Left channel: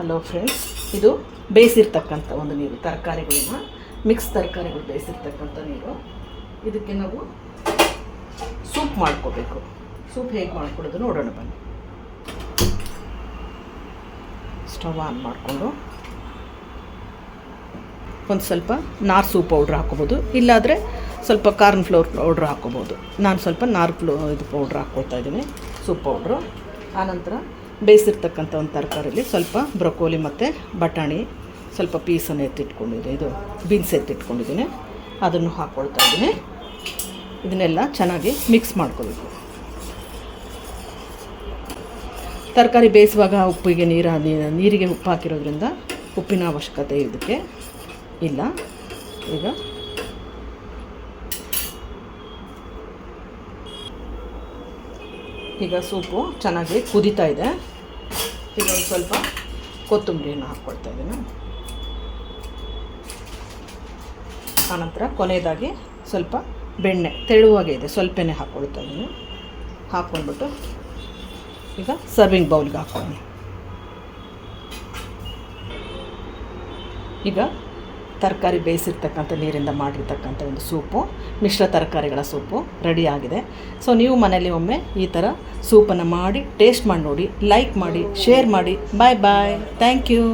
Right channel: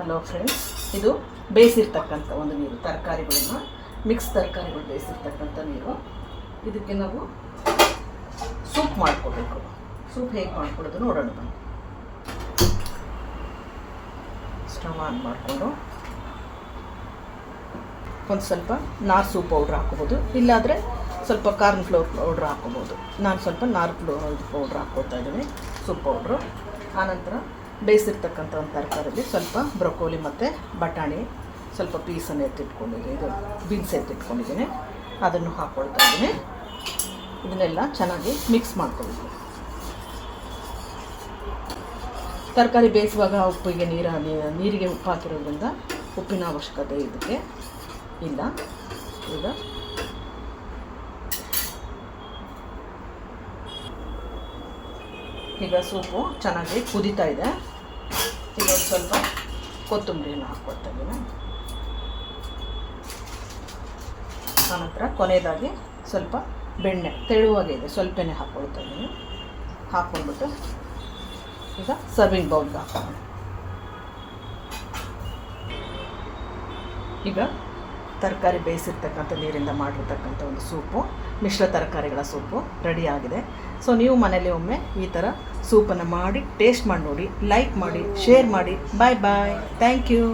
Hello friends, ಇದು ಬೇಯಿಸಿರ್ತಕ್ಕಂಥ ಒಂದು ನೀರು, ತರಕಾರಿಗಳನ್ನ ಮಿಕ್ಸ್ ತರಕಾರಿಗಳು ಬೇಯಿಸಿರ್ತಕ್ಕಂಥ ನೀರು. ಇದಕ್ಕೆ ನಾವು ಸೂಪ್ ಮಾಡ್ಕೋಬೇಕು. ಸೂಪ್ ಹೇಗೆ ಮಾಡ್ಕೊಡೋದು ನೋಡೋಣ ಬನ್ನಿ. ಸ್ಟವ್ ಆನ್ ಮಾಡಿಕೊಂಡು ಒಂದು ಸ್ವಲ್ಪ ನಾರ್ ಸೂಪ್ ಪೌಡ್ರ್ ಹಾಕ್ಕೋಬೋದು, ಇಲ್ಲಾದರೆ ಸ್ವಲ್ಪ ಕಾರ್ನ್ ಫ್ಲೋರ್ ಪೌಡ್ರ್ ಹಾಕ್ಕೋಬೋದು. ನಾನು ಸ್ವಲ್ಪ ಇದು ಪೌಡ್ರ್ ಹಾಕ್ಕೊಳ್ತಾ ಇದ್ದೀನಿ, ಸೂಪ್ ಪೌಡ್ರು. ಆನಂತರ ಬೇಯಿಸಿರ್ತಕ್ಕಂಥ ಒಂದು ತರಕಾರಿಯಲ್ಲಿ ಸ್ವಲ್ಪ ಬ್ರೊಕೋಲಿ ಮತ್ತು ಬಟಾಣಿ ಸ್ವಲ್ಪ ಪೀಸನ್ನು ಎತ್ತಿಟ್ಕೊಂಡಿದ್ದೀನಿ, ಇದು ಬೀನ್ಸ್ ಎತ್ತಿಟ್ಕೊಂಡಿದ್ದೀನಿ, ಅದನ್ನು ಹಾಕ್ಕೊಳ್ತಾ ಇದ್ದೀನಿ. ಇದನ್ನೆಲ್ಲ ಚೆನ್ನಾಗಿ ಮಿಕ್ಸ್ ಮಾಡ್ಕೊಬೇಕು. ತರಕಾರಿ ಬೇಯಿಸುವಾಗ ಉಪ್ಪಿಗೆ ನೀರಿಗೆ ಉಪ್ಪು ಹಾಕಿರೋದ್ರಿಂದ ಉಪ್ಪಿನ ಅವಶ್ಯಕತೆ ಇದಕ್ಕೆ ಇಲ್ಲ. ಈಗ ಸೂಪು ಚೆನ್ನಾಗಿ ಕುದೀತಾ ಇದೆ. ಈಗ ಒಂದು ಸ್ವಲ್ಪ ಕೊತ್ತಂಬರಿಯನ್ನು ಹಾಕ್ಕೊಳ್ತಾ ಇದ್ದೀನಿ. ಆನಂತರ ಕೊನೆಯದಾಗಿ ಸ್ವಲ್ಪ ಬೆಣ್ಣೆ ತೆಳುವಾಗೆ ಇದೆ, ಸ್ವಲ್ಪನೇ ಹಾಕ್ಕೊಳ್ತಾ ಇದ್ದೀನಿ. ಹಾಕ್ಕೊಂಡ್ಬಿಟ್ಟು ಈಗ ಸರ್ವಿಂಗ್ ಬೌಲ್ಗೆ ಹಾಕ್ತೀನಿ. ಈಗ ತರಕಾರಿ ಬೇಯಿಸಿರ್ತಕ್ಕಂಥ ನೀರಿಂದ ಮಾಡಿರ್ತಕ್ಕಂಥ ಒಂದು ಸೂಪು, ಮಿಶ್ರ ತರಕಾರಿಗಳ ಸೂಪು ರೆಡಿ ಆಗಿದೆ. ಸೊ ನೀವು ಮನೇಲಿ ಒಮ್ಮೆ ಈ ಥರ ಸೂಪನ್ನು ಮಾಡಿ ಟೇಸ್ಟ್ ಮಾಡಿ ನೋಡಿ, ಲೈಕ್ ಮಾಡಿ, ಶೇರ್ ಮಾಡಿ. ಬಾಯ್ ಬಾಯ್, ಥ್ಯಾಂಕ್ ಯು.